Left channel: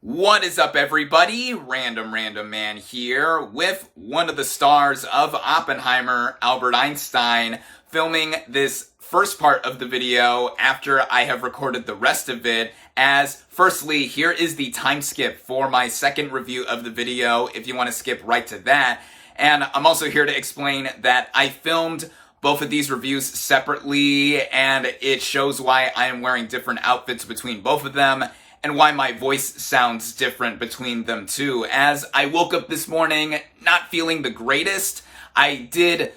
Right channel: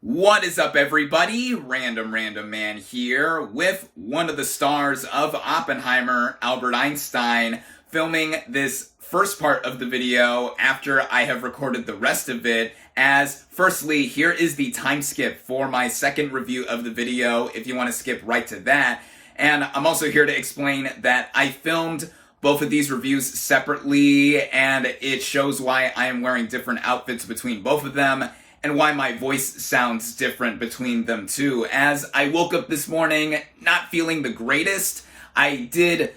What is up, everybody? Random Random Man here with one of the stars of Oppenheimer, Albert Einstein, filming this first part of the video after I have recorded the rest of it. As firstly, here is the time skip for my second review of the video if you want to skip right to that. And I'm also here to explain that I filmed both of these reviews separately, and it shows why I am wearing different outfits between both of them, and why my voice sounds different between them too. As I woke up this morning not feeling the greatest, I did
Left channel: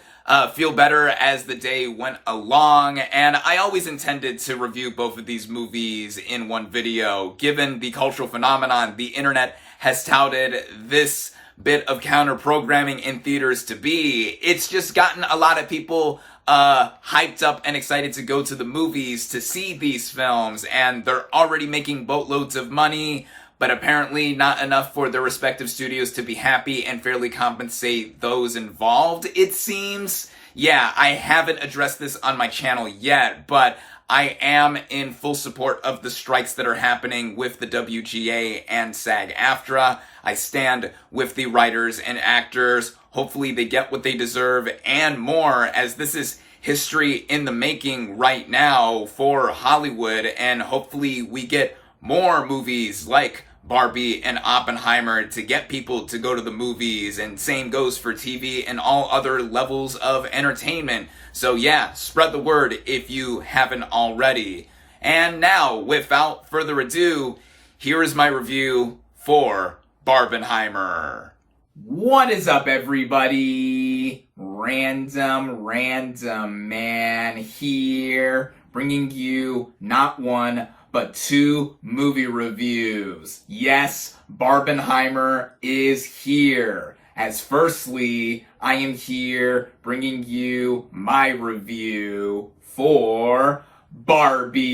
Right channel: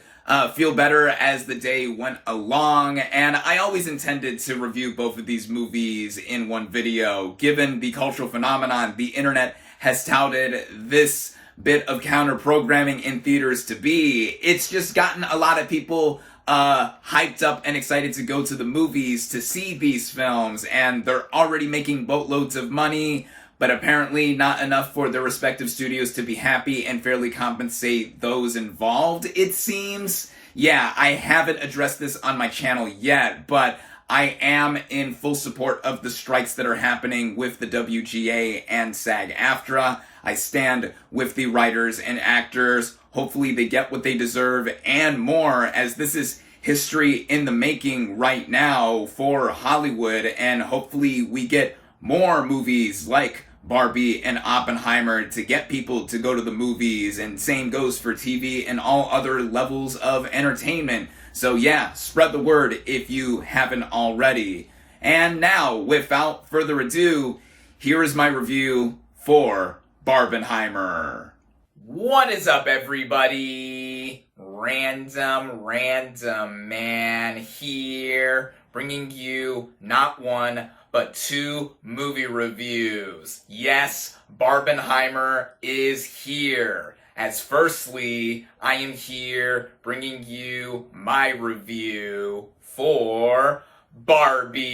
feel better as the day went along, and I always intended to review both of these movies in one video. Given the cultural phenomenon the internet has touted this bit of counter-programming in theaters to be, it's just gotten a lot of people hyped up and excited to go to the movies to see these films, and they're already making boatloads of money, but apparently not enough for their respective studios to be happy and fairly compensate those involved, it seems. Yeah, I haven't addressed this on my channel yet, but I am in full support of the strikes that are happening with the WGA and SAG-AFTRA. I stand with the writers and actors. Hopefully they get what they deserve and more, as this is history in the making right now for Hollywood, and hopefully we get more movies like Barbie and Oppenheimer to get people to go to the movies, and same goes for TV and all other levels of entertainment. So yeah, spread the word if you haven't already. And now, without further ado, here is my review for Barbenheimer. What is up, everybody? Random Man here, bringing you not one, but two movie reviews. Yes, Barbenheimer is here. As firstly, I am here bringing you my review for Barbie.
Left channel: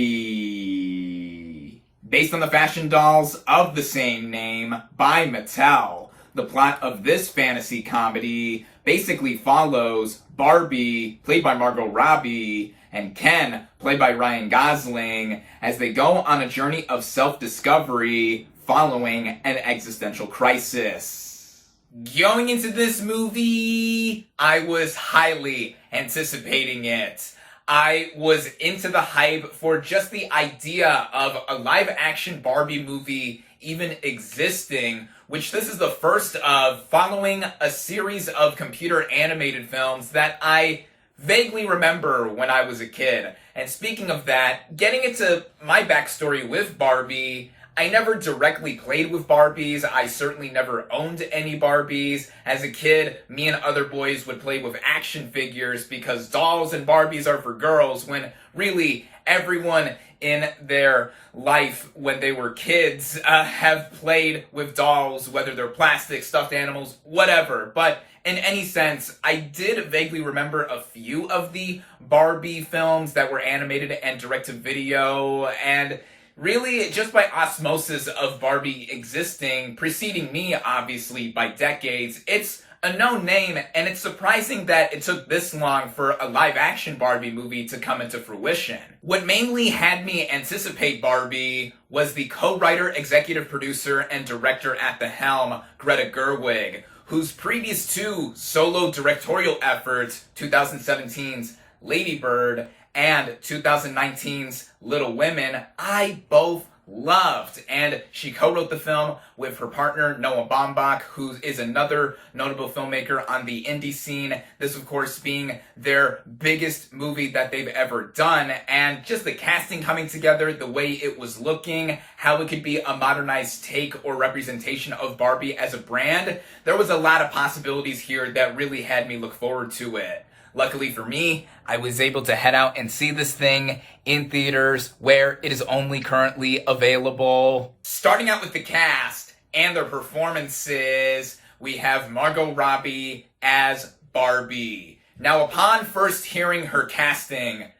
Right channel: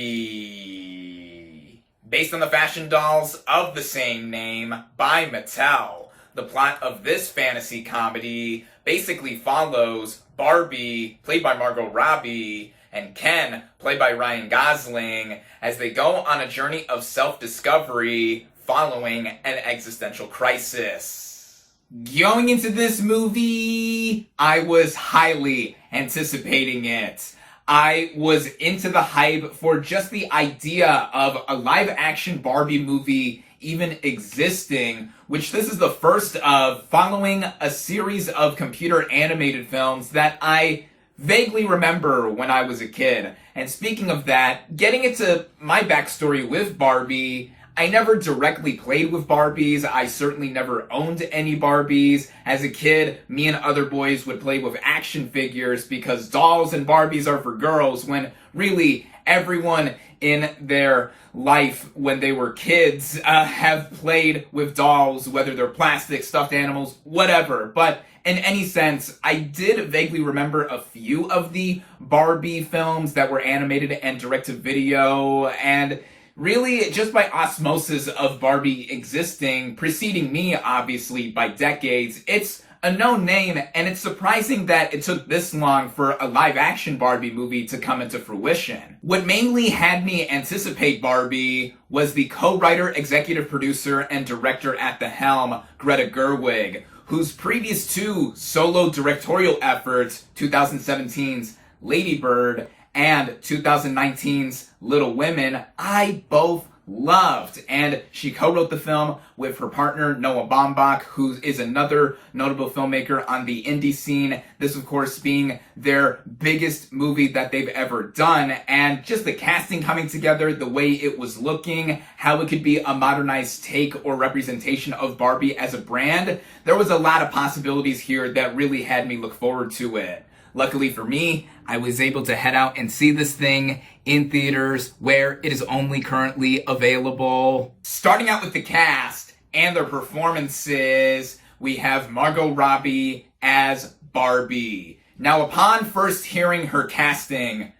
Based on the fashion dolls of the same name by Mattel, the plot of this fantasy comedy basically follows Barbie, played by Margot Robbie, and Ken, played by Ryan Gosling, as they go on a journey of self-discovery following an existential crisis. Going into this movie, I was highly anticipating it. I was into the hype for just the idea of a live-action Barbie movie even existing, which this is the first of, following a series of computer animated films that I vaguely remember when I was a kid. And speaking of that, getting into my backstory with Barbie, I never directly played with Barbies. I certainly never owned any Barbies. As a kid, me and other boys would play with action figures because dolls and Barbies are for girls, when really everyone in their life when they were kids have played with dolls, whether they're plastic, stuffed animals, whatever. But in any sense, I did vaguely remember a few of the Barbie films that were animated and direct-to-video, and really, just by osmosis of Barbie existing, preceding me, obviously, by decades, it's a known name, and it's surprising that it took this long for a live-action Barbie movie to come into fruition. What mainly had me anticipate Barbie was the co-writer, executive producer, and director at the helm, Greta Gerwig, whose previous two solo directorial efforts, 2017's Lady Bird and 2019's Little Women, I both loved. And she co-wrote the film with her partner Noah Baumbach, who is another notable filmmaker on the indie scene. This, of course, being their biggest movie that they've ever done. And just the casting coming together, the way it was looking, how it could be a modernized take or representation of Barbie as a brand, there was a lot of possibilities here that really had me look forward to it. Luckily for me, I was able to head out and see this thing in theaters where it is only currently available. Starting out with the cast and their performances, we have Margot Robbie as Barbie. Now, upon first hearing her casting,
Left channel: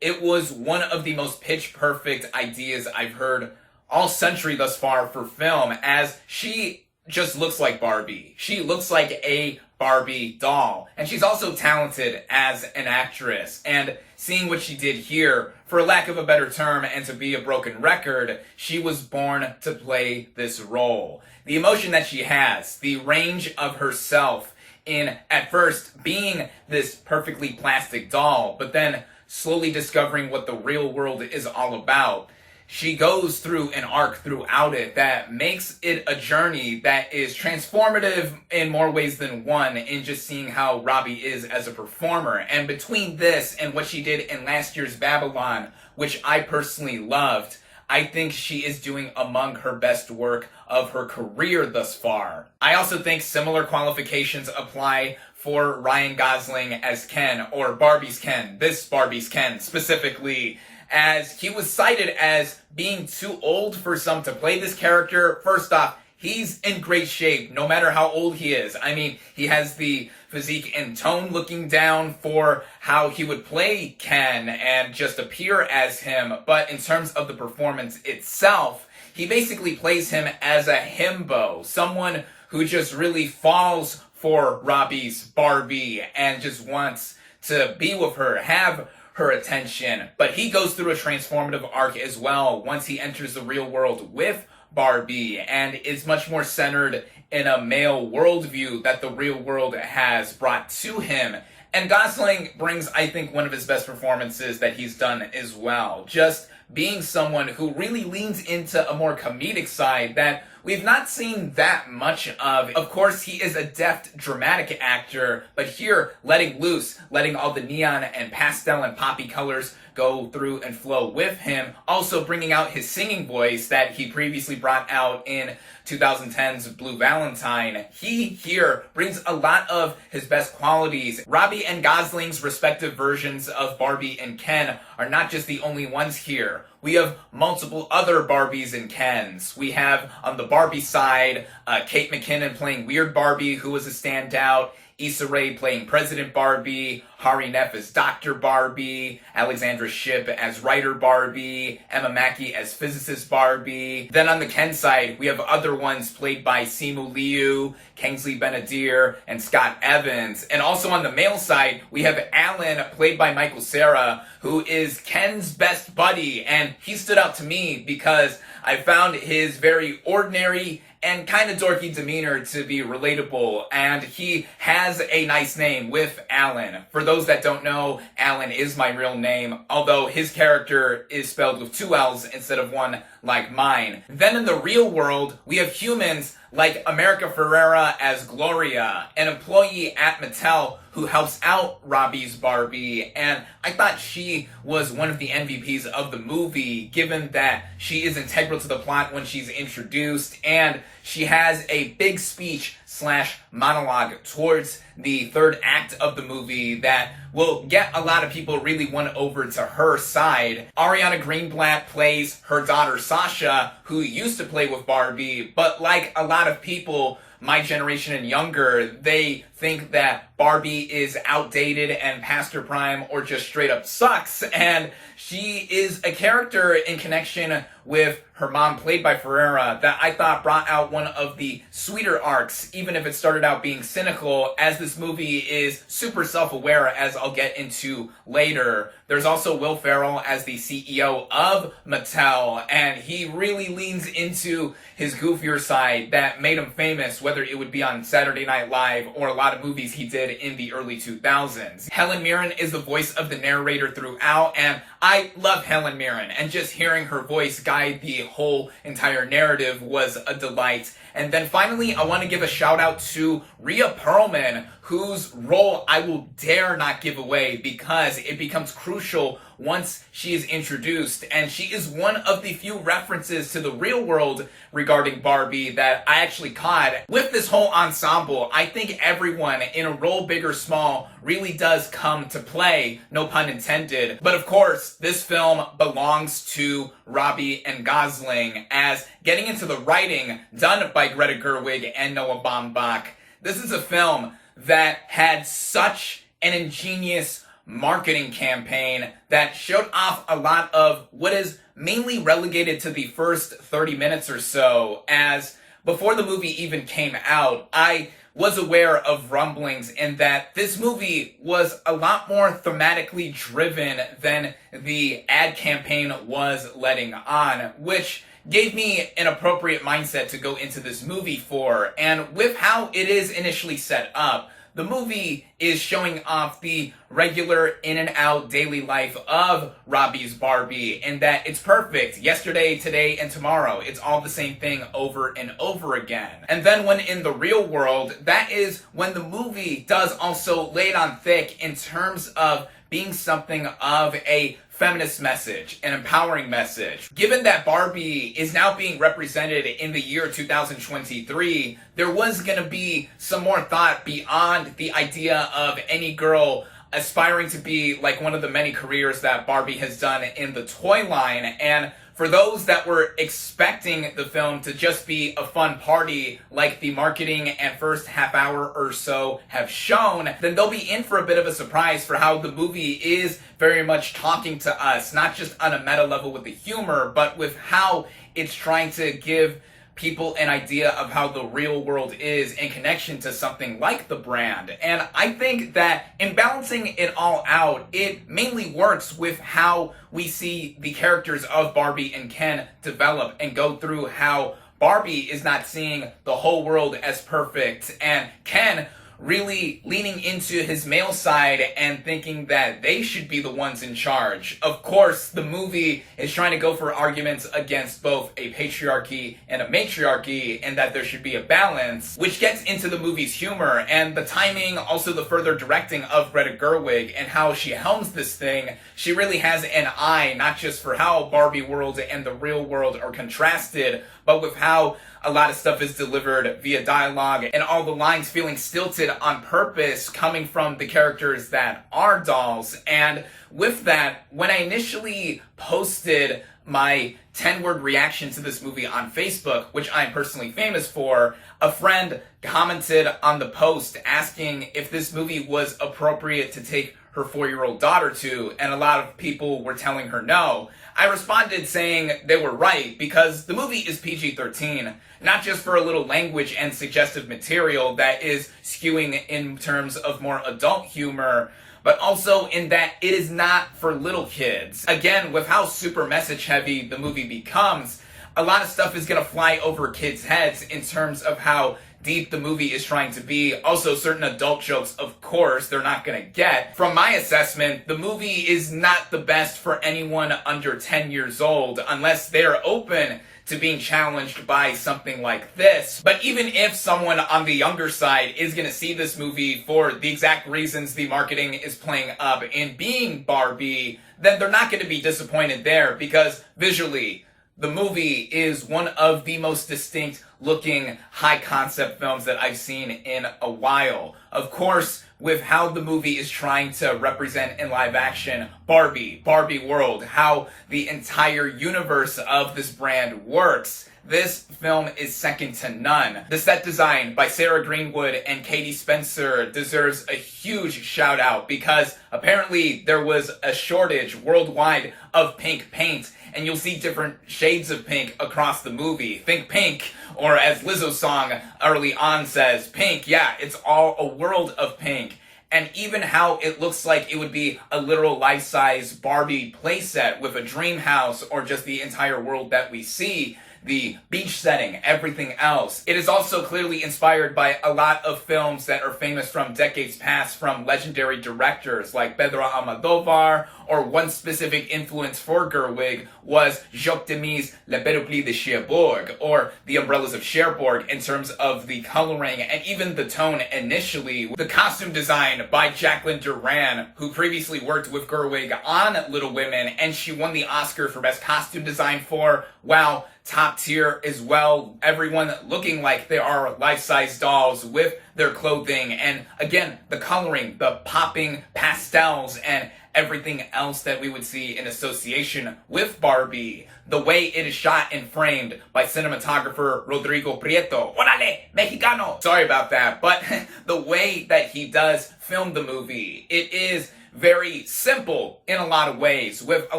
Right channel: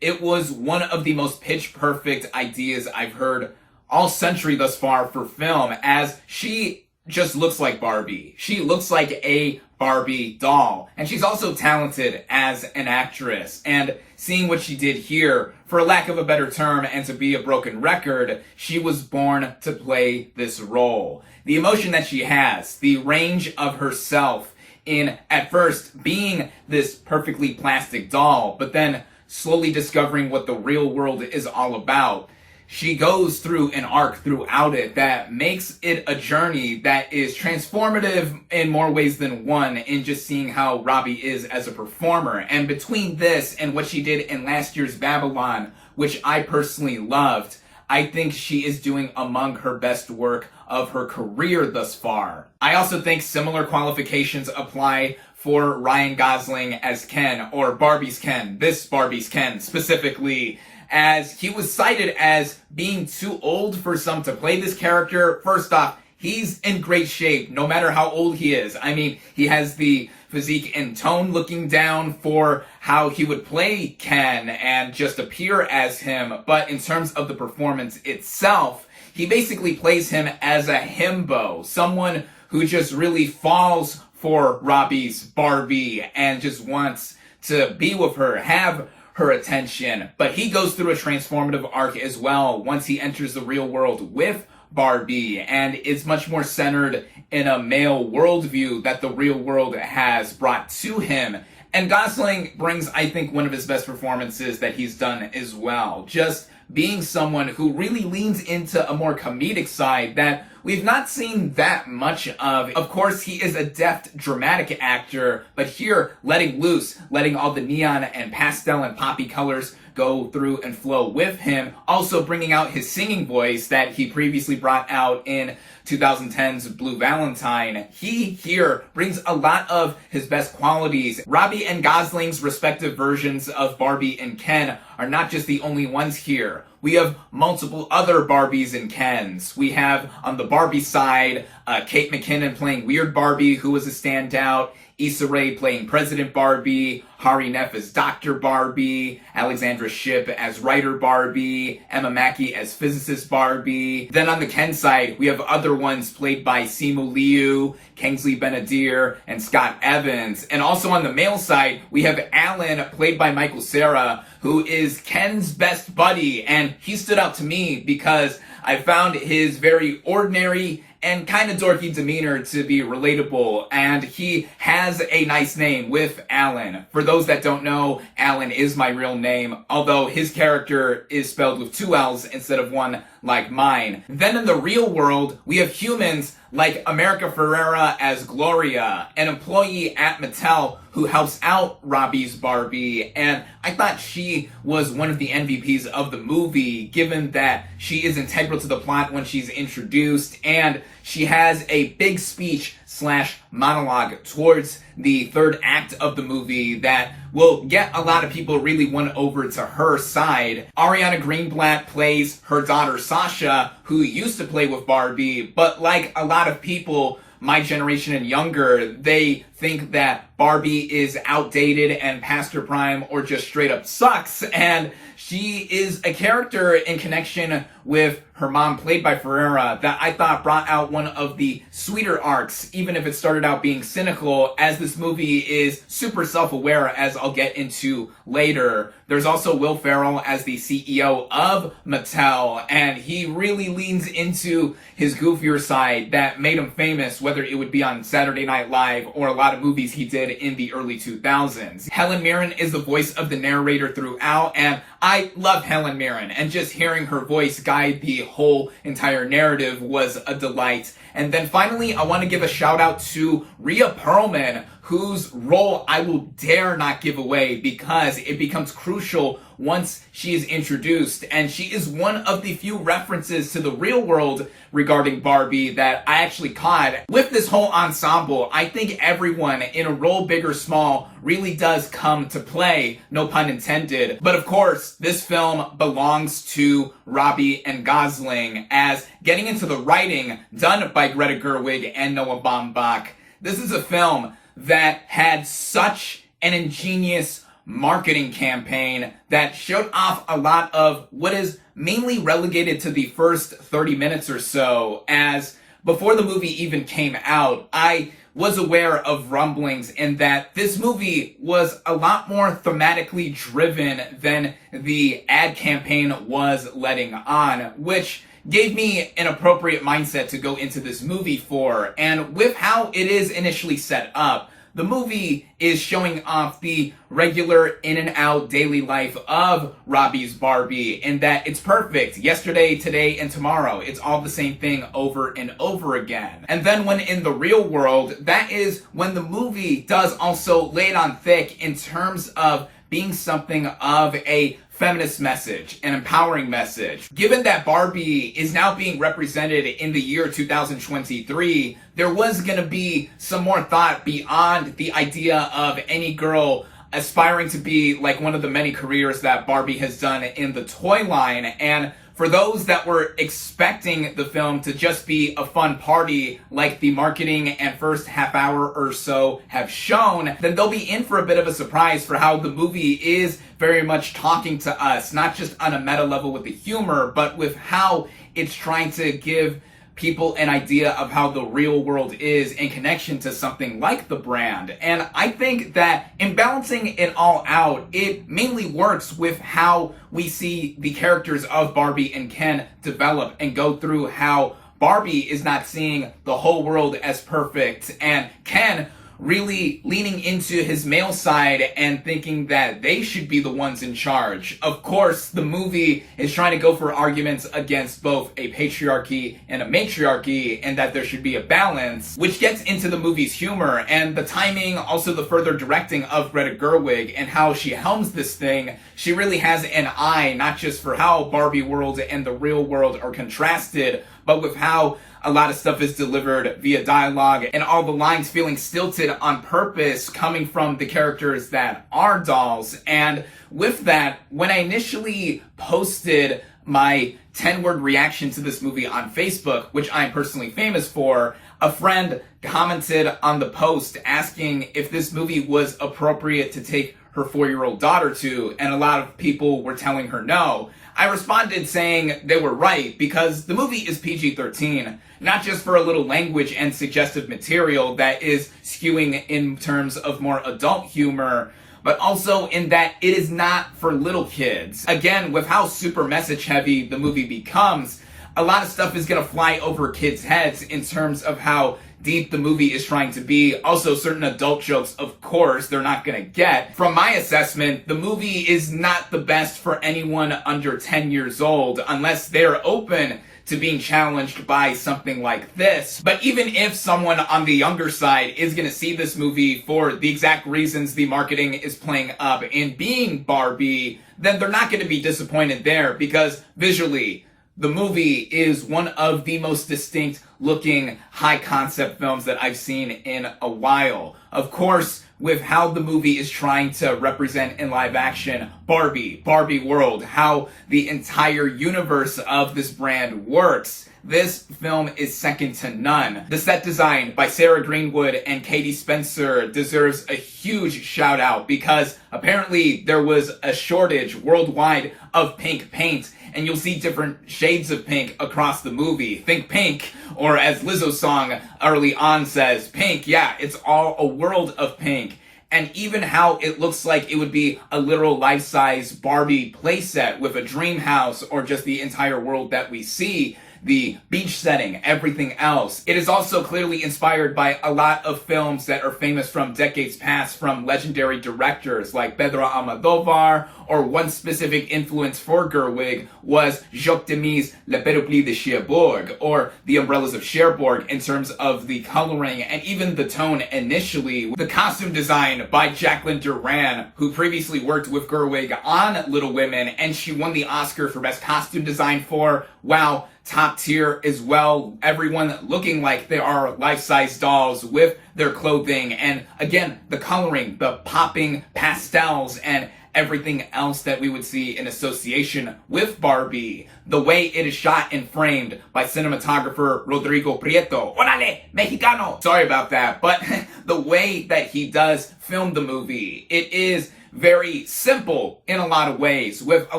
it was one of the most pitch-perfect ideas I've heard all century thus far for film, as she just looks like Barbie. She looks like a Barbie doll. And she's also talented as an actress. And seeing what she did here, for lack of a better term, and to be a broken record, she was born to play this role. The emotion that she has, the range of herself in, at first, being this perfectly plastic doll, but then slowly discovering what the real world is all about. She goes through an arc throughout it that makes it a journey that is transformative in more ways than one, in just seeing how Robbie is as a performer. And between this and what she did in last year's Babylon, which I personally loved, I think she is doing among her best work of her career thus far. I also think similar qualifications apply for Ryan Gosling as Ken, or Barbie's Ken, this Barbie's Ken specifically, as he was cited as being too old for some to play this character. First off, he's in great shape, no matter how old he is. I mean, he has the physique and tone looking down for how he would play Ken and just appear as him. But in terms of the performance itself, he basically plays him as a himbo, someone who just really falls for Robbie's Barbie and just wants to be with her, have her attention. But he goes through a transformative arc as well once he enters the real world with Barbie, and is much more centered in a male worldview that the real world has brought to him. And Gosling brings, I think, one of his best performances that he's done as well. Just being someone who really leans into a more comedic side that we've not seen that much of. Of course, he is a deft, dramatic actor, but here, letting loose, letting all the neon and pastel and poppy colors go through and flow with him, also bringing out his singing voice that he previously brought out in 2010's Blue Valentine. He here brings a lot of his best qualities. Robbie and Gosling's respective versions of Barbie and Ken are not just the only ones here. We have multiple other Barbies and Kens. We have, on the Barbie side, Kate McKinnon playing Weird Barbie, who was a standout, Issa Rae playing President Barbie, Hari Neff as Dr. Barbie, Alexandra Shipp as Writer Barbie, Emma Mackey as Physicist Barbie. Then on the Ken side, we have other ones played by Simu Liu, Kingsley Ben-Adir, and Scott Evans. And also on the male side, we have Alan, played by Michael Cera, who is Ken's best buddy. And he stood out to me because I found his very ordinary and kind of dorky demeanor to be relatable, and he has a nice name with Alan. For those that don't know, Alan is my real name, although his character is spelled with 2 L's instead of 1 like mine. Then in the real world, we have humans like America Ferrera as Gloria, an employee at Mattel who helps out Robbie's Barbie, and I thought she was one of the MVPs of the movie, given that she is integral to the plot when she's introduced, and she has a big speech / monologue towards the third act of the movie that will get a lot of people really won over to her side. Ariana Greenblatt plays her daughter Sasha, who used to play with Barbie, but like a lot of people my generation and younger, they think that Barbie is outdated and past her prime or just straight up sucks, and she is a character in connection with her mom, played by Ferrera, that I thought brought out one of the sweeter arcs, even if it started out being cynical, as this movie is super self-aware, as I'll get into later. There's also Will Ferrell as the CEO of Mattel, and he really leans into his goofier side that made him famous, whether it would be on Saturday Night Live or a lot of movies he did in the early 2000s. Helen Mirren is the voice of the narrator throughout, and I love Helen Mirren, and just hearing her voice guide the whole entire narrative was a delight. And then finally, I want to give a shout out to Rhea Perlman, whose role I will dare not give away because it becomes crucial once she is introduced. And she is one of the few references to the real world regarding Barbie that I actually caught. With this whole ensemble, I think everyone in a role, big or small, really does come to play, no pun intended. But of course, this film belongs to Robbie and Gosling, as getting into the writing done by Greta Gerwig and Noah Baumbach, this is a film that had such an ingenious marketing campaign that showed off a lot of what is mainly relegated to the first 30 minutes or so, as before the movie even came out, I was aware of rumblings in that this movie was a lot more thematically driven than the ad campaign was letting on, which gave me an appropriate mindset to go into this movie for. And with how it is initially set up, the movie is showing off the regular in and out daily life of Robbie's Barbie in that it's perfect. Yesterday, today, and tomorrow. It's all the same thing over and over again. And then when in the real world, that is when the movie does also lay it on thick in terms of being something of a feminist message, an empowering message. Given that Barbie is now being represented in the year 2023, there was going to be some more thought beyond the idea of any girl aspiring to be like one of the many careers that Barbie has done in the toy line. And for those that were expecting the film to just be a fun party like the marketing and first half hour or so have shown, then they'll be in for a bit of a surprise for how the movie is very much talking to us, not just on a meta level with the humor, but with how it's trying to give people an idea of how the real world is in connection to something like the brand. And I think that in balancing it all out, it mainly works with how we see the characters of Barbie and Ken develop and go through how Barbie is not seeing the whole world as perfect, and Ken really leaning into his male side and thinking that they should be the ones in charge. Of course, the movie is trying to go for arguments against both a patriarchy and a matriarchy, and that there should be a balance, which gets into the movie's humor and the timing, also the further directing of Greta Gerwig and how she helms this thing. She really has an eye, not just for how Barbie world and the real world are contrasted, but with how a lot of stuff is delivered via dialogue and all the lines feeling stilted on purpose coming from the characters that are dolls. And with that, when I initially posted my 10-word reaction to this movie on Facebook, which I'm personally famous for, a friend commented on the post asking if this movie was appropriate to take her 4-year-old daughter to, and a lot of people were telling her no. I responded saying they were right because the movie is PG-13, not just for a little language and suggestive material that is skewing in terms of more adult humor, but also in that it is not for little kids. Again, with how super message heavy the movie becomes, a lot of stuff is going to fly over kids' heads in terms of how deep the movie is trying to be. Also, certain adult jokes, of course, they're not going to get. From my assessment, the movie is not the best for anyone under 10 years old unless they're open to being challenged by something like this. But even if someone on the younger side is going to see this movie for the exact reasons the marketing is playing up in being Barbie, then they're not going to be disappointed there because visually, the movie is one of the most distinct looking high concept films that I've seen in a while. Of course, with how the movie is trying to represent in live action Barbie world, how the entire universe of this brand works, this film is second to none. The set design by Sarah Greenwood and Katie Spencer deserves a huge shout out because apparently there was a shortage worldwide of pink paint, and you'll see different shades of pink across the movie. Think pink, or as Lizzo's song early on says, pink. Yeah, it's all a world of pink. And even how it looks like it would be a literal life-size Barbie playset with a dream house or just the entire world that we see, the beach setting, everything else. It is also clearly inspired by a lot of films that are famous from decades past from legendary directors like Pedro Almodovar, or one specific influence for Gerwig was Jacques Demy's Le Périple de Cherbourg, or The Umbrellas of Cherbourg, in terms of the coloring and even the tone initially. The costume design by Jacqueline Duran, who previously worked with Gerwig on Little Women, and she won the Oscar for Best Costume Design for, wow, top tier as well. Everyone looking like they are life-size dolls with their clothing, and again, the coloring, the popping pastels, and everything else that we would see in association with Barbie. The way it is shot and framed by cinematographer Rodrigo Prieto. Orale, Mexicano! Sorry about that, but the way that he does film the movie, it is very simple in a lot of ways, with a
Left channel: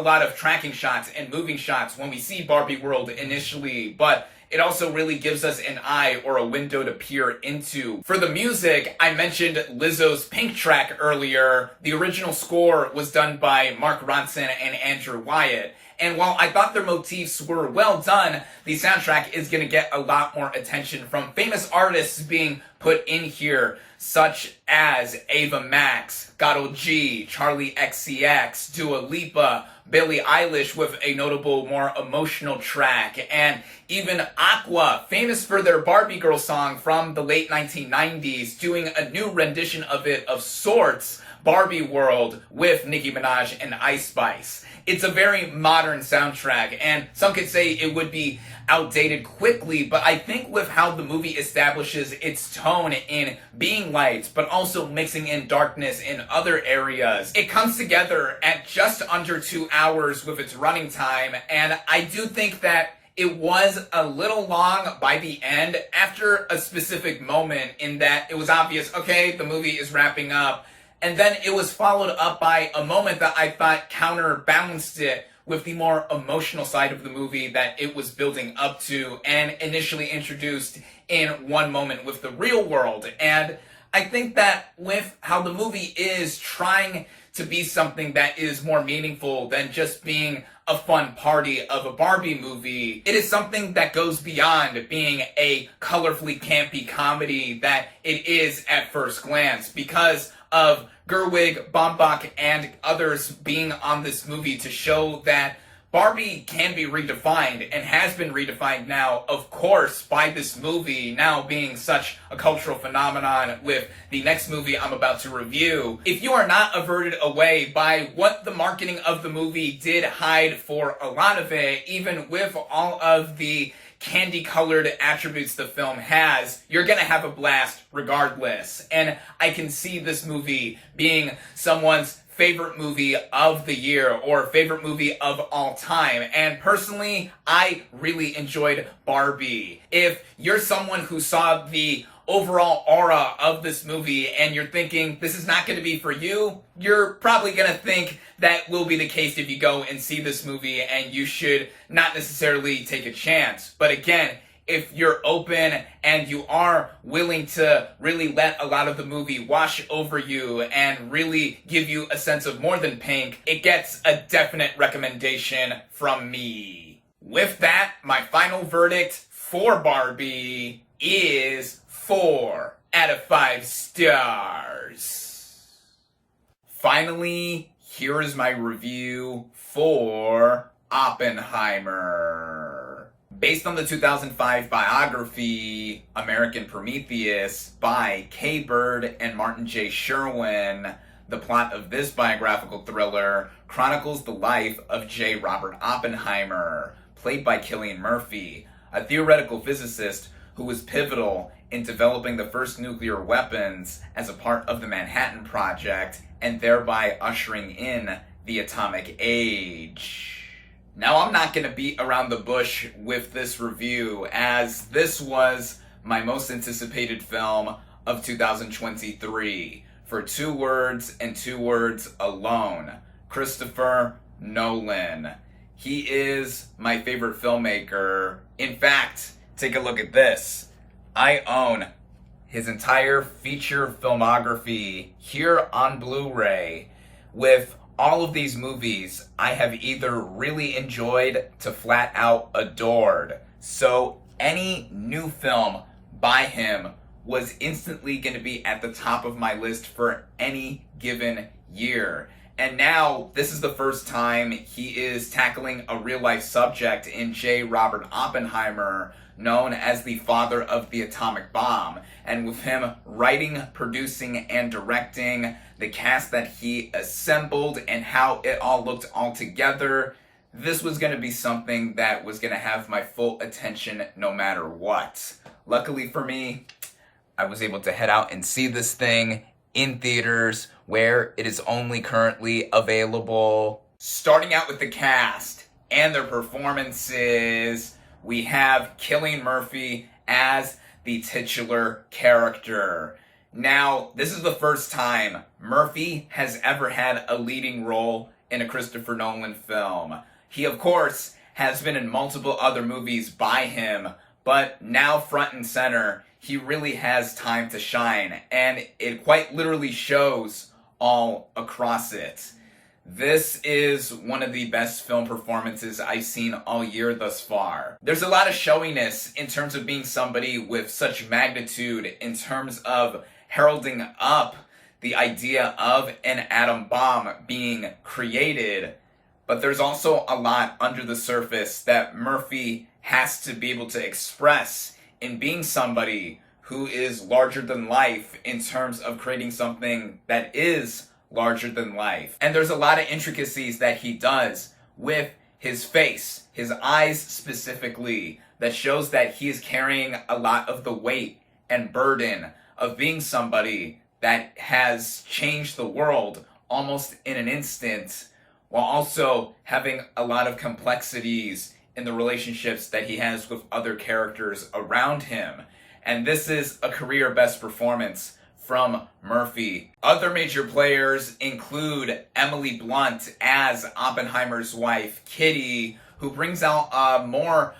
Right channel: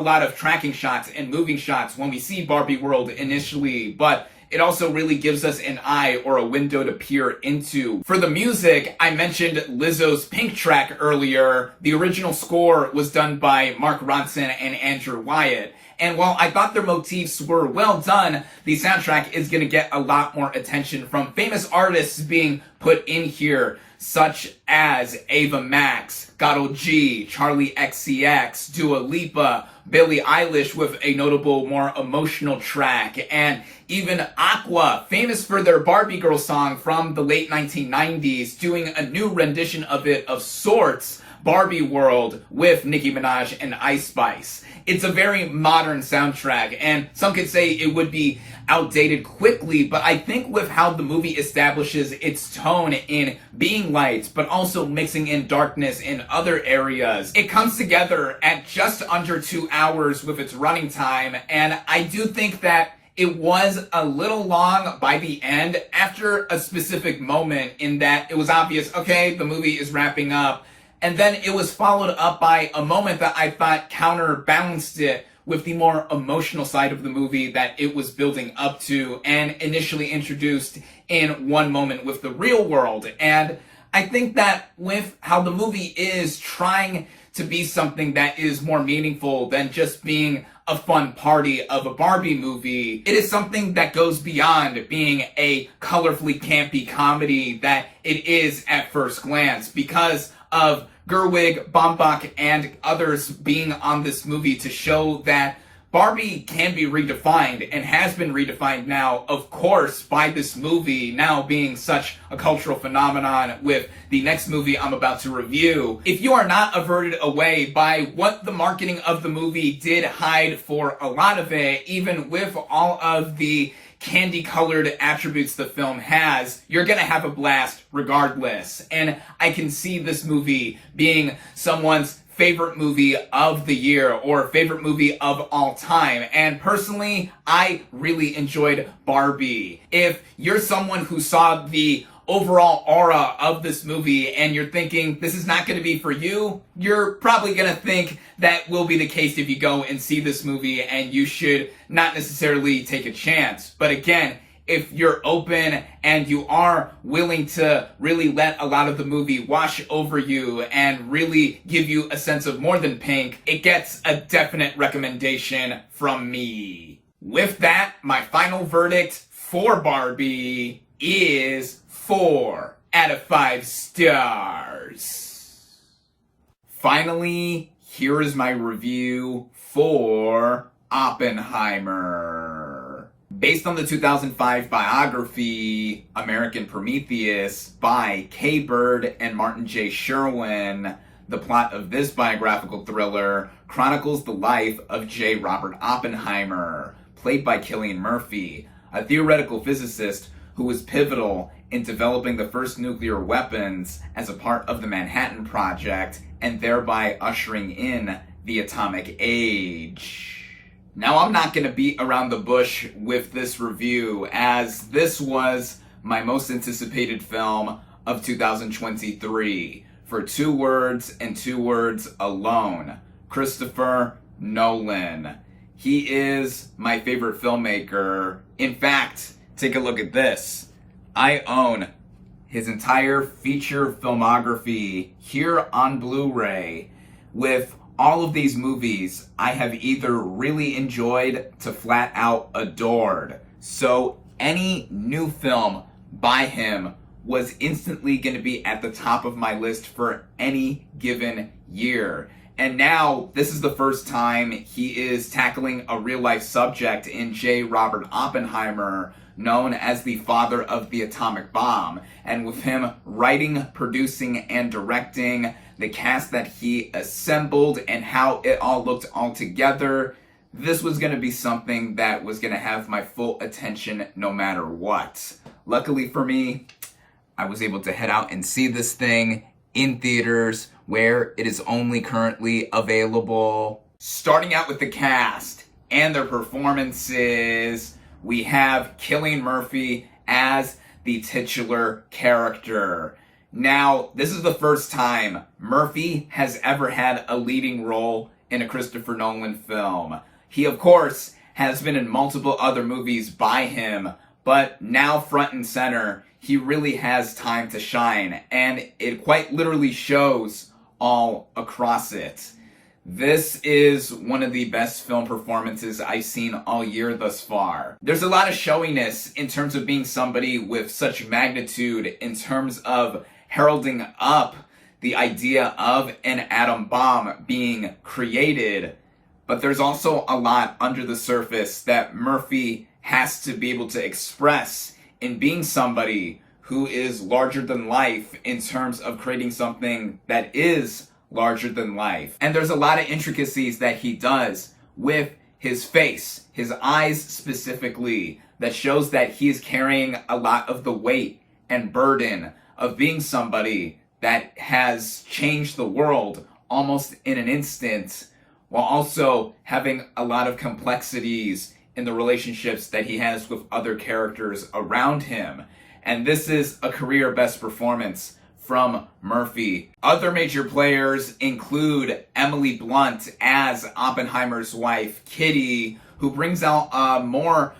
lot of tracking shots and moving shots when we see Barbie World initially, but it also really gives us an eye or a window to peer into. For the music, I mentioned Lizzo's Pink track earlier. The original score was done by Mark Ronson and Andrew Wyatt. And while I thought their motifs were well done, the soundtrack is going to get a lot more attention from famous artists being put in here, such as Ava Max, Godel G, Charlie XCX, Dua Lipa, Billie Eilish with a notable, more emotional track, and even Aqua, famous for their Barbie Girl song from the late 1990s, doing a new rendition of it of sorts, Barbie World, with Nicki Minaj and Ice Spice. It's a very modern soundtrack, and some could say it would be outdated quickly, but I think with how the movie establishes its tone in being light, but also mixing in darkness in other areas, it comes together at just under 2 hours with its running time, and I do think that it was a little long by the end after a specific moment in that it was obvious, okay, the movie is wrapping up, and then it was followed up by a moment that I thought counterbalanced it with the more emotional side of the movie that it was building up to and initially introduced in one moment with the real world. And I think that with how the movie is trying to be something that is more meaningful than just being a fun party of a Barbie movie, it is something that goes beyond being a colorfully campy comedy that it is at first glance, because of Gerwig, Baumbach, and others being on this movie to show that Barbie can be redefined and has been redefined now, of course, by this movie now being such a cultural phenomenon with the next movie I'm about to review. If you are not averted away by what the marketing of the movie did hide for a lot of it, even with all of the candy-colored attributes the film has, you're gonna have a blast regardless. And I can see this movie being someone's favorite movie of the year or favorite movie of all time. And personally, I really enjoyed Barbie. If you're someone who saw the overall aura of this movie and you're thinking this is not going to be for you, you're probably going to think that will be the case if you go and see this movie, and you should not necessarily take a chance. But again, if you're open and you are willing to really let a lot of the movie wash over you and really give you a sense of more than pink, it gets a definite recommendation from me. With that, my final verdict for Barbie is 4 out of 5 stars. Finally, here is my review for Oppenheimer. Based on the 2005 biography, American Prometheus, by Kay Bird and Martin J. Sherwin, the plot of this biographical thriller chronicles the life of J. Robert Oppenheimer, played by Cillian Murphy, a theoretical physicist who was pivotal in developing the first nuclear weapons as a part of the Manhattan Project and thereby ushering in the atomic age. Now, I'm not going to beat around the bush with this review, as this was my most anticipated film of 2023 for 2 words and 2 words alone: Christopher Nolan. He is my favorite filmmaker. In fact, take a look at this. I own his entire feature filmography here on Blu-ray. With all of these movies, I have either really enjoyed to flat out adored. So any new film by him was instantly going to be at the top of my list for any given year. And now, this is the first time he is tackling a real-life subject in J. Robert Oppenheimer, known as the father of the atomic bomb. And with him writing, producing, and directing, the cast that he assembled, and how it all looked all together, this was going to be something that was going to have my full attention no matter what. Luckily for me, I was able to head out and see this thing in theaters where it is only currently available. Starting out with the cast and their performances, we have Cillian Murphy as the titular character. Now, this is the first time Murphy has ever had a leading role in a Christopher Nolan film. He, of course, has been in multiple other movies by him, but now front and center, he really has time to shine, and it quite literally shows all across it. This is one of the best film performances I've seen all year thus far. There's a lot of showiness in terms of being somebody with such magnitude in terms of heralding up the idea of an atom bomb being created, but there's also a lot under the surface that Murphy has to be able to express in being somebody who is larger than life in terms of creating something that is larger than life. And there's a lot of intricacies that he does with his face, his eyes specifically, that shows that he's carrying a lot of the weight and burden of being somebody that has changed the world almost in an instant, while also having a lot of complexities in the relationships that he has with other characters around him. And this is a career best performance from Murphy. Other major players include Emily Blunt as Oppenheimer's wife, Kitty, who brings out a more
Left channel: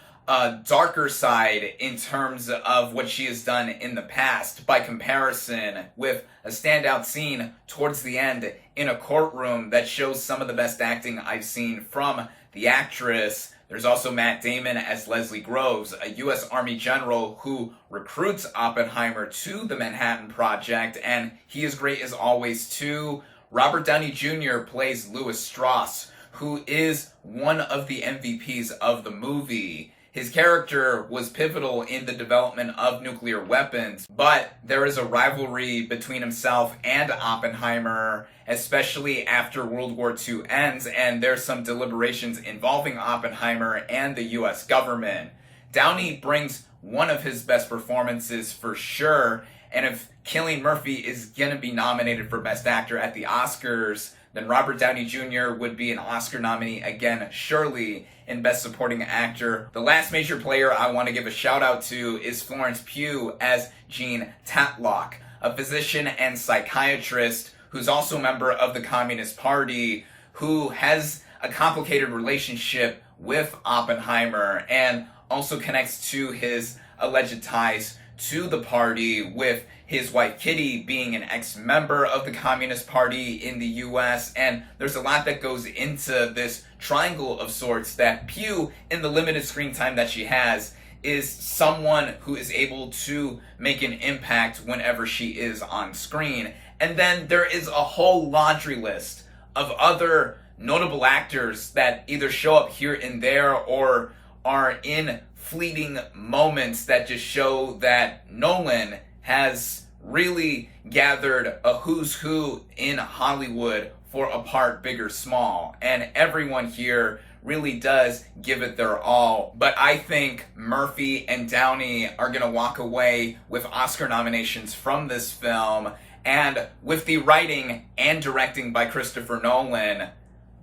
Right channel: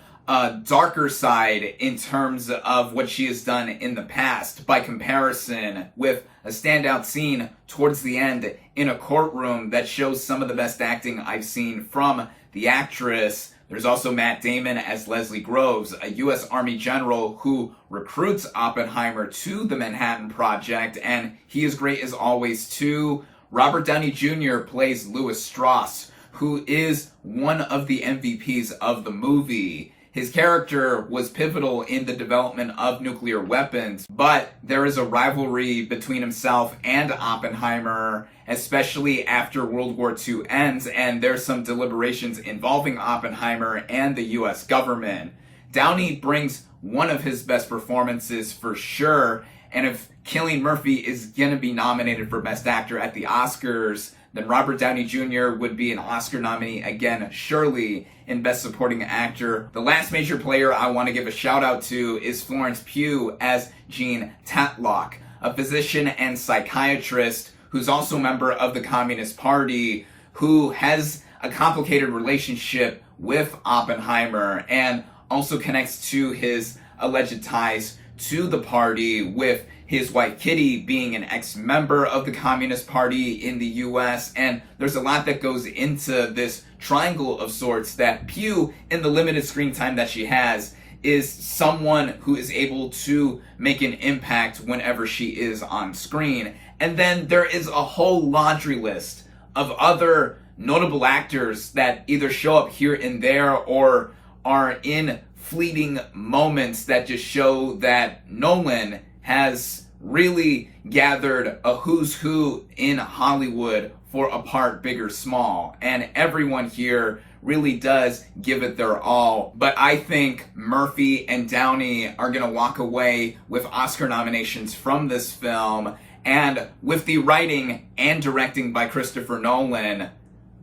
darker side in terms of what she has done in the past, by comparison with a standout scene towards the end in a courtroom that shows some of the best acting I've seen from the actress. There's also Matt Damon as Leslie Groves, a U.S. Army general who recruits Oppenheimer to the Manhattan Project, and he is great as always too. Robert Downey Jr. plays Louis Strauss, who is one of the MVPs of the movie. His character was pivotal in the development of nuclear weapons, but there is a rivalry between himself and Oppenheimer, especially after World War II ends, and there's some deliberations involving Oppenheimer and the US government. Downey brings one of his best performances for sure, and if Cillian Murphy is gonna be nominated for Best Actor at the Oscars, then Robert Downey Jr. would be an Oscar nominee again, surely, in Best Supporting Actor. The last major player I want to give a shout out to is Florence Pugh as Jean Tatlock, a physician and psychiatrist who's also a member of the Communist Party, who has a complicated relationship with Oppenheimer and also connects to his alleged ties to the party, with his wife Kitty being an ex-member of the Communist Party in the US, and there's a lot that goes into this triangle of sorts that Pugh, in the limited screen time that she has, is someone who is able to make an impact whenever she is on screen. And then there is a whole laundry list of other notable actors that either show up here and there or are in fleeting moments that just show that Nolan has really gathered a who's who in Hollywood for a part, big or small. And everyone here really does give it their all. But I think Murphy and Downey are going to walk away with Oscar nominations from this film. And with the writing and directing by Christopher Nolan,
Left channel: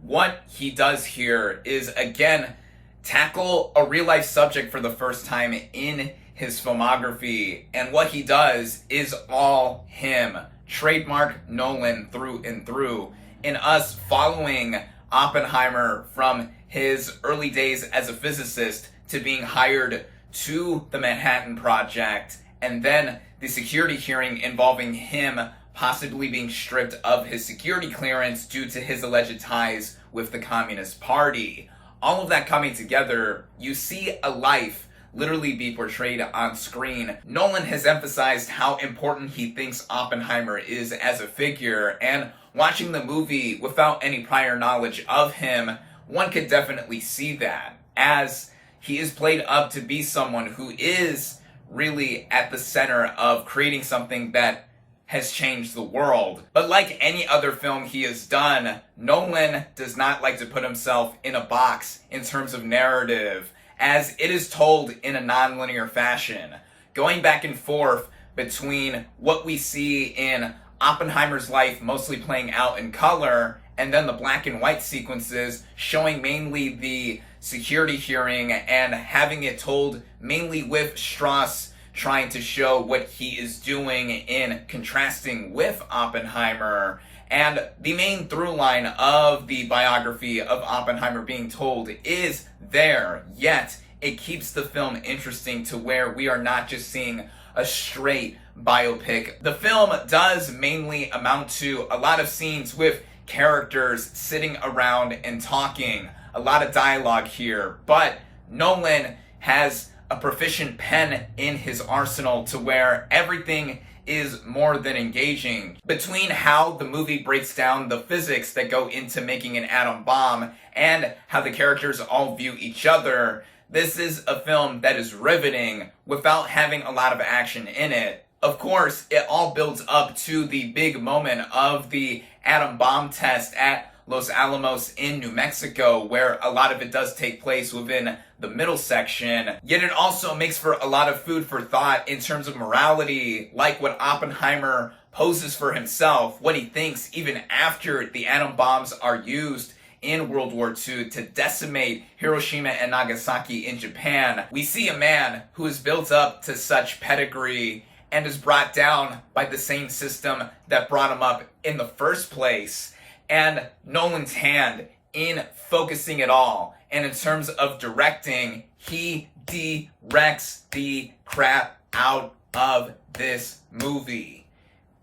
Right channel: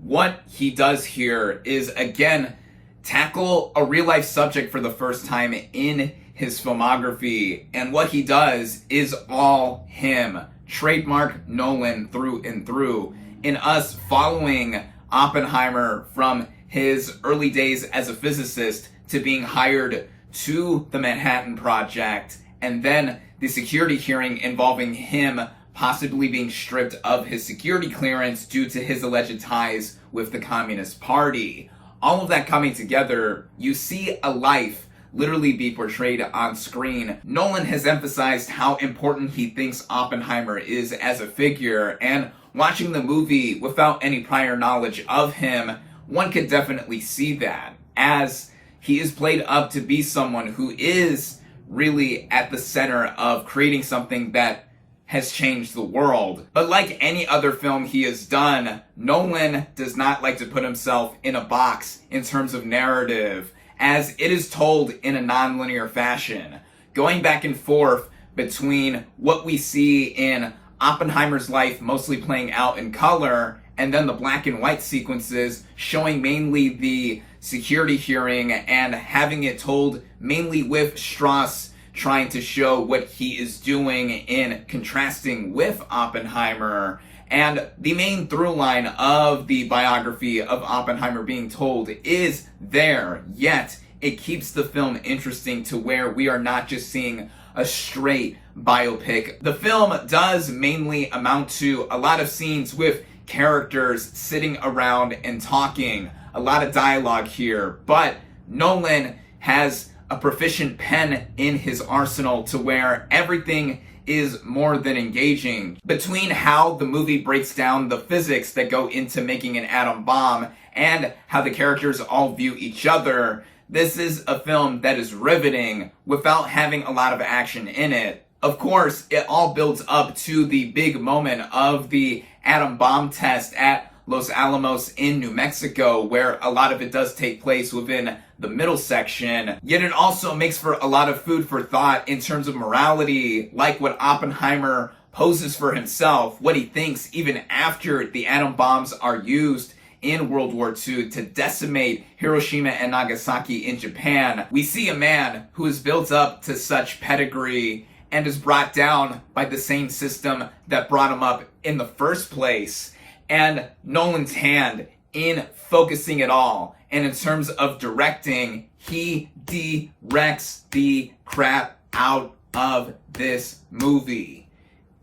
what he does here is, again, tackle a real-life subject for the first time in his filmography. And what he does is all him. Trademark Nolan through and through. In us following Oppenheimer from his early days as a physicist to being hired to the Manhattan Project, and then the security hearing involving him possibly being stripped of his security clearance due to his alleged ties with the Communist Party. All of that coming together, you see a life literally be portrayed on screen. Nolan has emphasized how important he thinks Oppenheimer is as a figure, and watching the movie without any prior knowledge of him, one could definitely see that, as he is played up to be someone who is really at the center of creating something that has changed the world. But like any other film he has done, Nolan does not like to put himself in a box in terms of narrative, as it is told in a non-linear fashion, going back and forth between what we see in Oppenheimer's life mostly playing out in color, and then the black and white sequences showing mainly the security hearing and having it told mainly with Strauss trying to show what he is doing in contrasting with Oppenheimer. And the main through line of the biography of Oppenheimer being told is there, yet it keeps the film interesting to where we are not just seeing a straight biopic. The film does mainly amount to a lot of scenes with characters sitting around and talking, a lot of dialogue here, but Nolan has a proficient pen in his arsenal to where everything is more than engaging. Between how the movie breaks down the physics that go into making an atom bomb and how the characters all view each other, this is a film that is riveting without having a lot of action in it. Of course, it all builds up to the big moment of the atom bomb test at Los Alamos in New Mexico, where a lot of it does take place within the middle section. Yet it also makes for a lot of food for thought in terms of morality, like what Oppenheimer poses for himself, what he thinks even after the atom bombs are used in World War II to decimate Hiroshima and Nagasaki in Japan. We see a man who is built up to such pedigree and is brought down by the same system that brought him up in the first place. And Nolan's hand in focusing it all, and in terms of directing, he directs the crap out of this movie.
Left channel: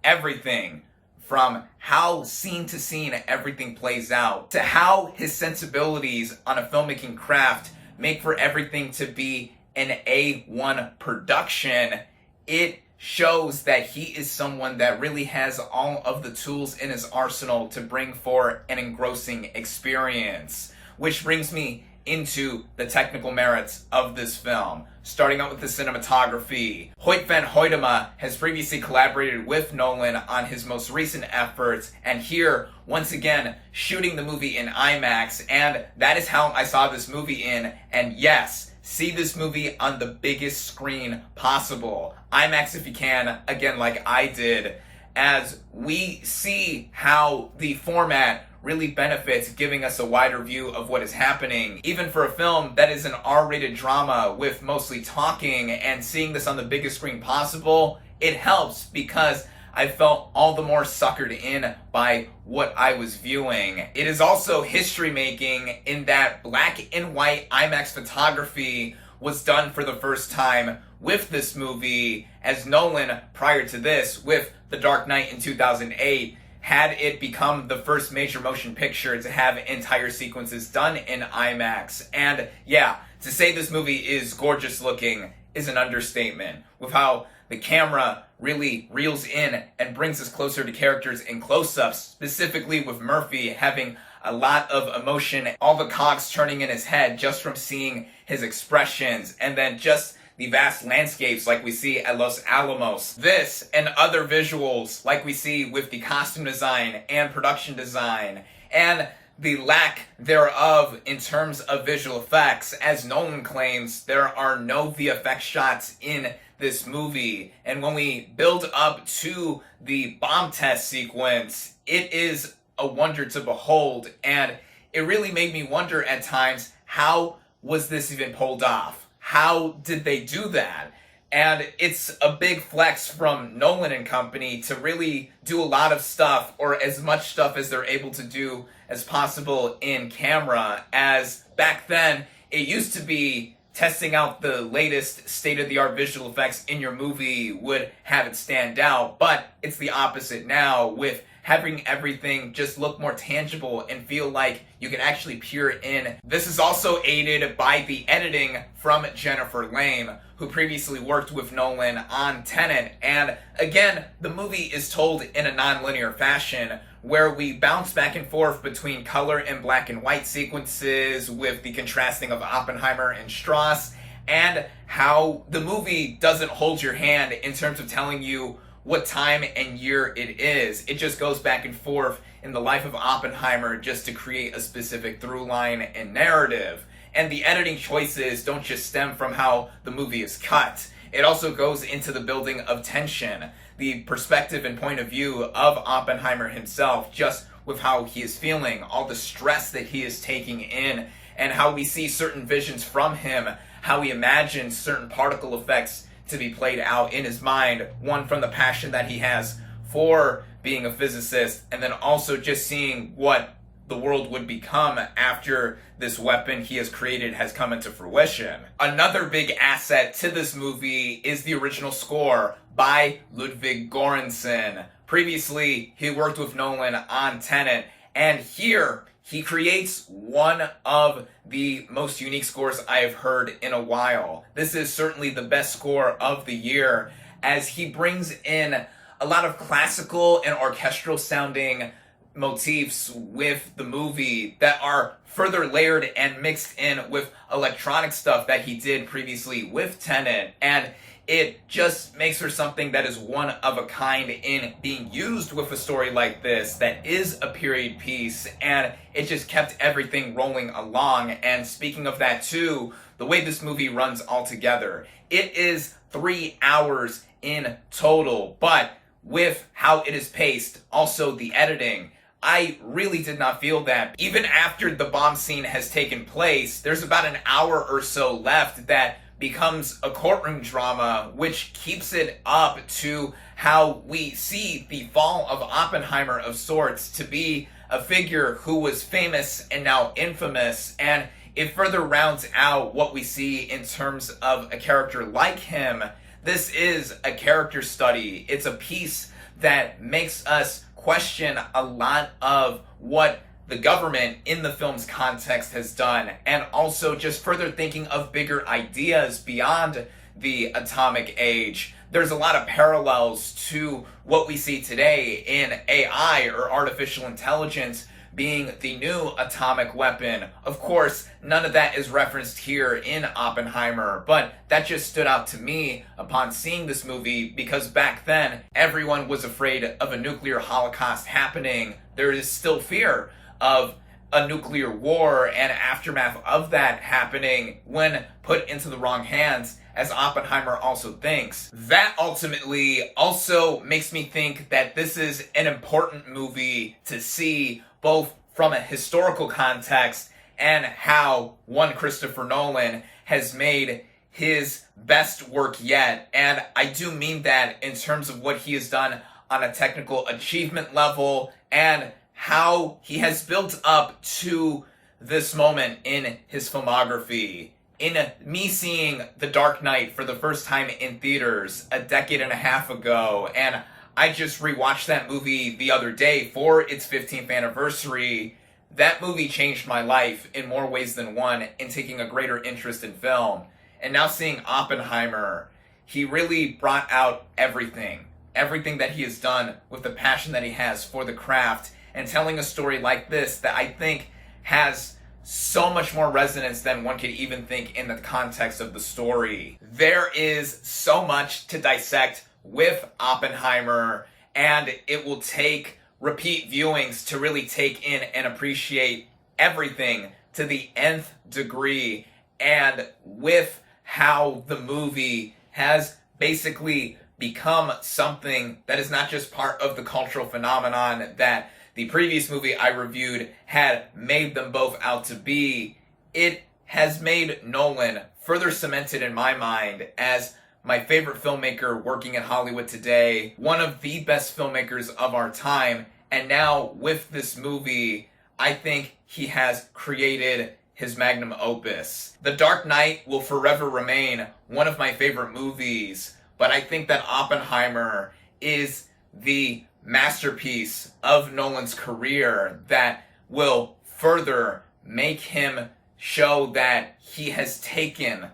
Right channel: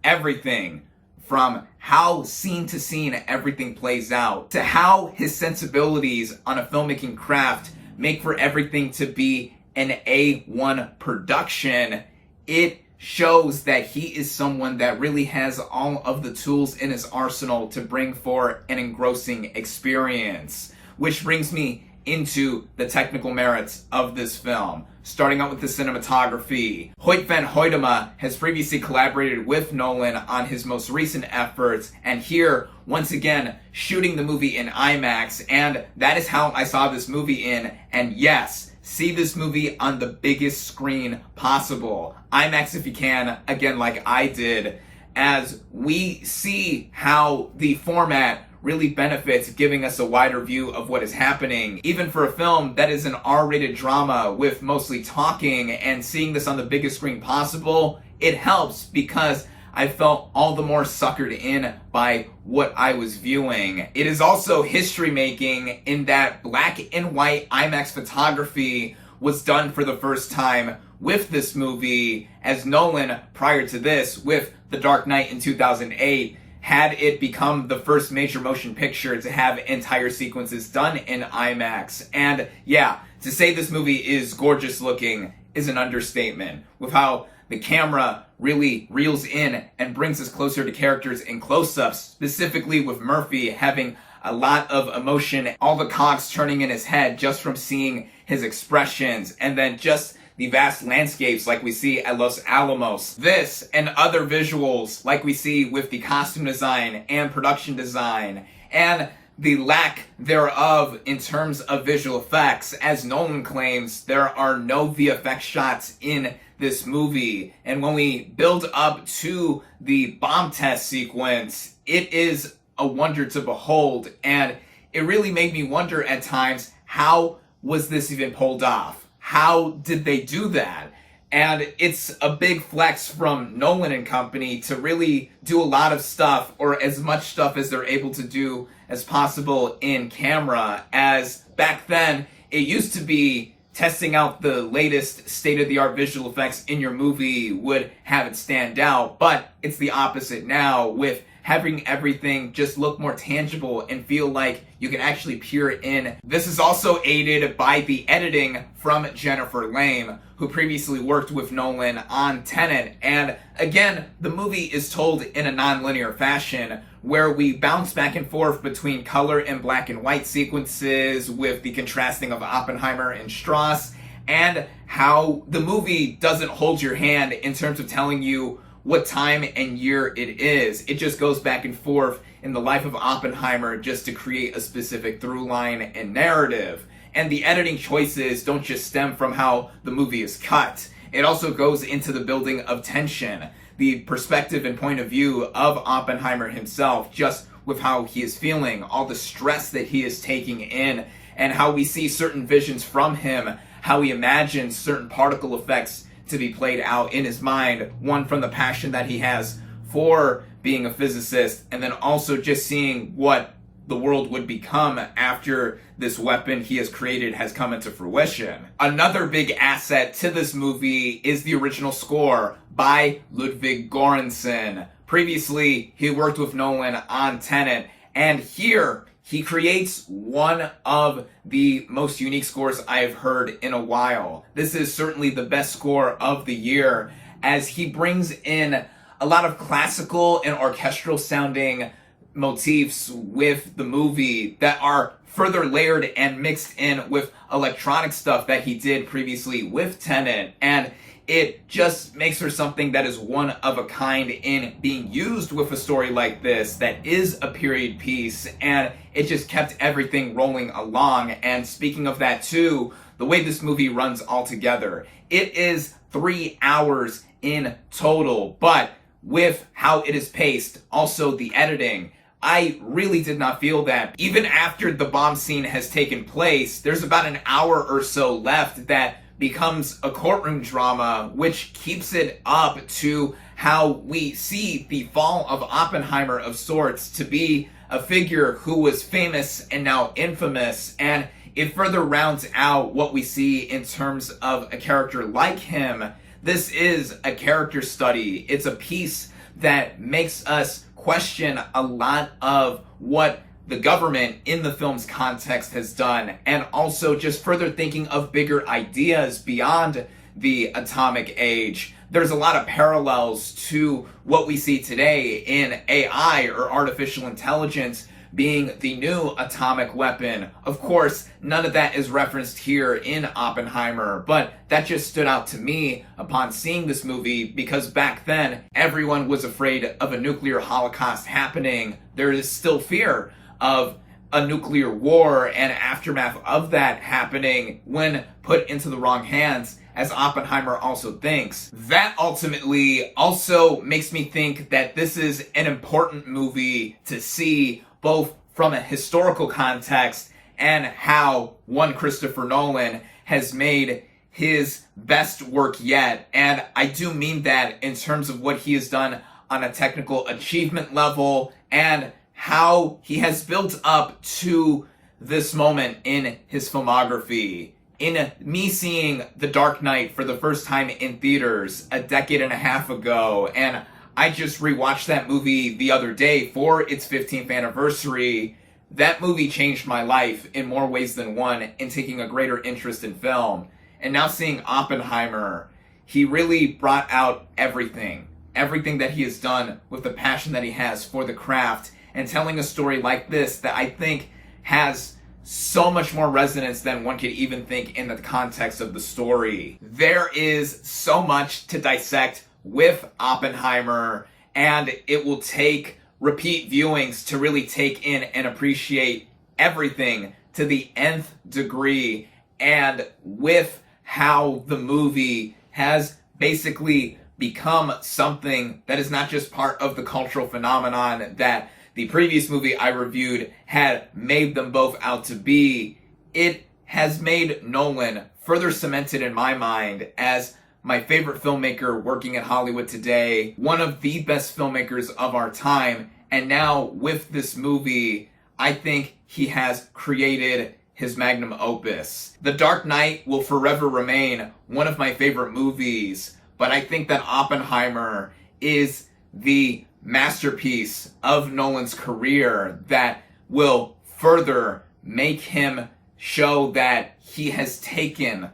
Everything from how scene to scene everything plays out, to how his sensibilities on a filmmaking craft make for everything to be an A1 production, it shows that he is someone that really has all of the tools in his arsenal to bring forth an engrossing experience. Which brings me into the technical merits of this film. Starting out with the cinematography. Hoyt van Hoytema has previously collaborated with Nolan on his most recent efforts, and here, once again, shooting the movie in IMAX, and that is how I saw this movie in, and yes, see this movie on the biggest screen possible. IMAX if you can, again like I did, as we see how the format really benefits giving us a wider view of what is happening. Even for a film that is an R-rated drama with mostly talking, and seeing this on the biggest screen possible, it helps because I felt all the more suckered in by what I was viewing. It is also history making in that black and white IMAX photography was done for the first time with this movie, as Nolan, prior to this, with The Dark Knight in 2008, had it become the first major motion picture to have entire sequences done in IMAX. And yeah, to say this movie is gorgeous looking is an understatement, with how the camera really reels in and brings us closer to characters in close-ups, specifically with Murphy having a lot of emotion, all the cogs turning in his head just from seeing his expressions, and then just the vast landscapes like we see at Los Alamos. This and other visuals like we see with the costume design and production design, and the lack thereof in terms of visual effects. As Nolan claims, there are no VFX shots in this movie, and when we build up to the bomb test sequence, it is a wonder to behold, and it really made me wonder at times, how was this even pulled off? How did they do that? And it's a big flex from Nolan and company to really do a lot of stuff, or as much stuff as they're able to do as possible in camera, as back then it used to be testing out the latest state-of-the-art visual effects in your movie would have it stand out, but it's the opposite now, with having everything just look more tangible and feel like you can actually peer in. This is also aided by the editing from Jennifer Lame, who previously worked with Nolan on Tenet. And again, the movie is told in a non-linear fashion, where we bounce back and forth between color and black and white sequences with the contrasting of Oppenheimer and Strauss, and how the movie doesn't hold your hand in terms of telling you what time and year it is. It just goes back and forth in the life of Oppenheimer just to create a specific through line and narrative. And the editing choices don't just stem from how the movie is cut. It also goes into the building of tension, the perspective and point of view of Oppenheimer himself, just with how he is feeling, all the stress that he is taking in, and how we see certain visions from him, how he imagines certain particle effects to be played out in his mind, one from the passion that he has for being a physicist, and then also just seeing what the world would become after this weapon he has created has come into fruition. Another big asset to this movie is the original score by Ludwig Göransson. Previously, he worked with Nolan on Tenet, and here he creates one of the most unique scores I have heard in a while. This is certainly the best score of the year, as he brings in a lot of classical and orchestral sounding motifs with the movie that are further layered and mixed in with electronic stuff that he did previously with Tenet, and it just makes for something that is one of a kind in being used with a story like this that is a period piece, and it just kept everything rolling along. And speaking of that too, the way this movie runs altogether, it is 3 hours in total, but with how it is paced, also the editing, I really did not feel that. Even after the bomb scene has taken place, there's about an hour or so left that becomes a courtroom drama, which keeps it up to how we see the fall of Oppenheimer of sorts to be a figure who was famous and now infamous, and it further rounds out what we see in terms of a character like him. This is a character study. It's a piece that makes us question a lot of what the government in the film's context has done, and also just further thinking of bigger ideas beyond the atomic age. There's a lot of parallels to what we see today in AI, or artificial intelligence, being the new atomic weapon. Of course, none of that is referenced here in Oppenheimer, but that just stood out to me upon seeing this movie, because back then, everyone was afraid of a nuclear holocaust happening. There is still fear of a nuclear war and aftermath of that happening when put into the wrong hands, as Oppenheimer also thinks. That ultimately also makes me think that this is an important movie to see, both from a historical context and how one Christopher Nolan has made his best work yet. And I do mean that in terms of what he has done on a technical achievement level, and how he has built up to this moment in his filmography. In me seeing The Dark Knight for the first time in theaters a decade and a half ago, and I just rewatched that movie the other day for its 15th anniversary, that movie changed my life in more ways than one in taking a greater interest in film. And now seeing Oppenheimer, he really brought out everything that he has done with the passion that he has for the craft, and telling a story like this that I think has so much more resonance than one could even think in the context of the story. There is so much to dissect with Oppenheimer, and it will take repeat viewings to really take in and appreciate everything to the nth degree. And with how the movie has basically become something that is not just part of the cultural phenomenon that the previous movie I reviewed had made them both out to be, it has made Nolan further cemented in my mind as my favorite filmmaker working in Hollywood today, one of the best filmmakers of our time, and now with this movie, I think he has created his magnum opus. The Dark Knight will forever remain one of my favorite movies, but I think that Oppenheimer is the masterpiece of Nolan's career that will further make him show that he has taken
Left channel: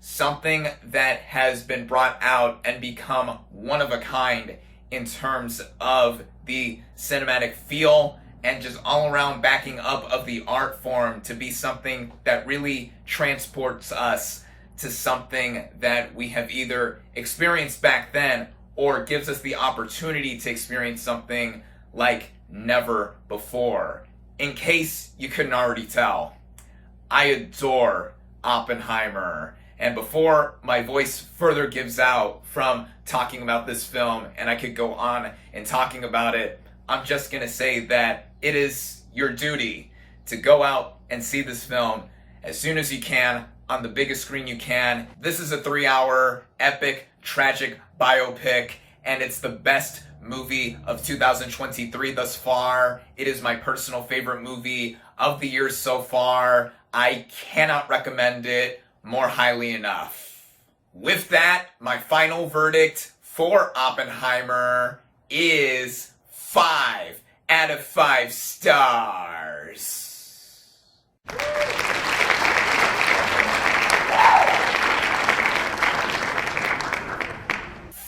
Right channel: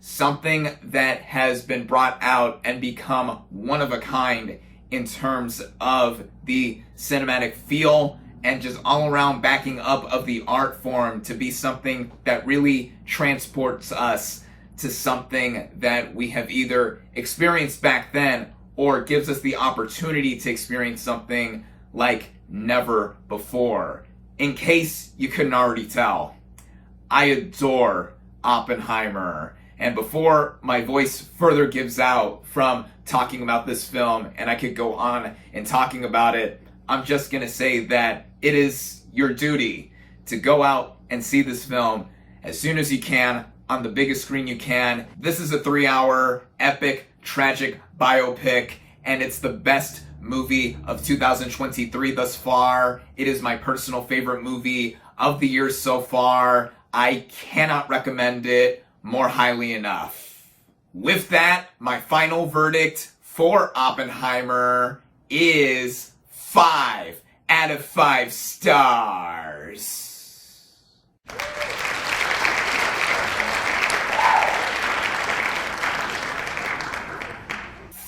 something that has been brought out and become one of a kind in terms of the cinematic feel and just all around backing up of the art form to be something that really transports us to something that we have either experienced back then or gives us the opportunity to experience something like never before. In case you couldn't already tell, I adore Oppenheimer. And before my voice further gives out from talking about this film, and I could go on and talking about it, I'm just gonna say that it is your duty to go out and see this film as soon as you can on the biggest screen you can. This is a 3-hour epic, tragic biopic, and it's the best movie of 2023 thus far. It is my personal favorite movie of the year so far. I cannot recommend it more highly enough. With that, my final verdict for Oppenheimer is 5 out of 5 stars.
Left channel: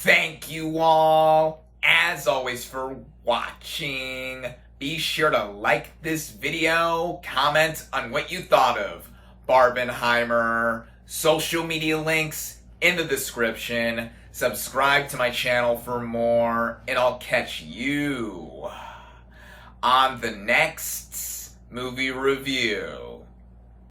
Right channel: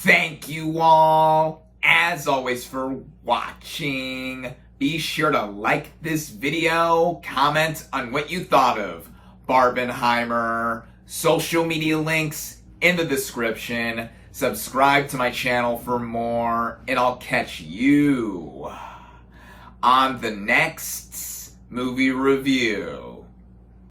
Thank you all, as always, for watching. Be sure to like this video, comment on what you thought of Barbenheimer, social media links in the description. Subscribe to my channel for more, and I'll catch you on the next movie review.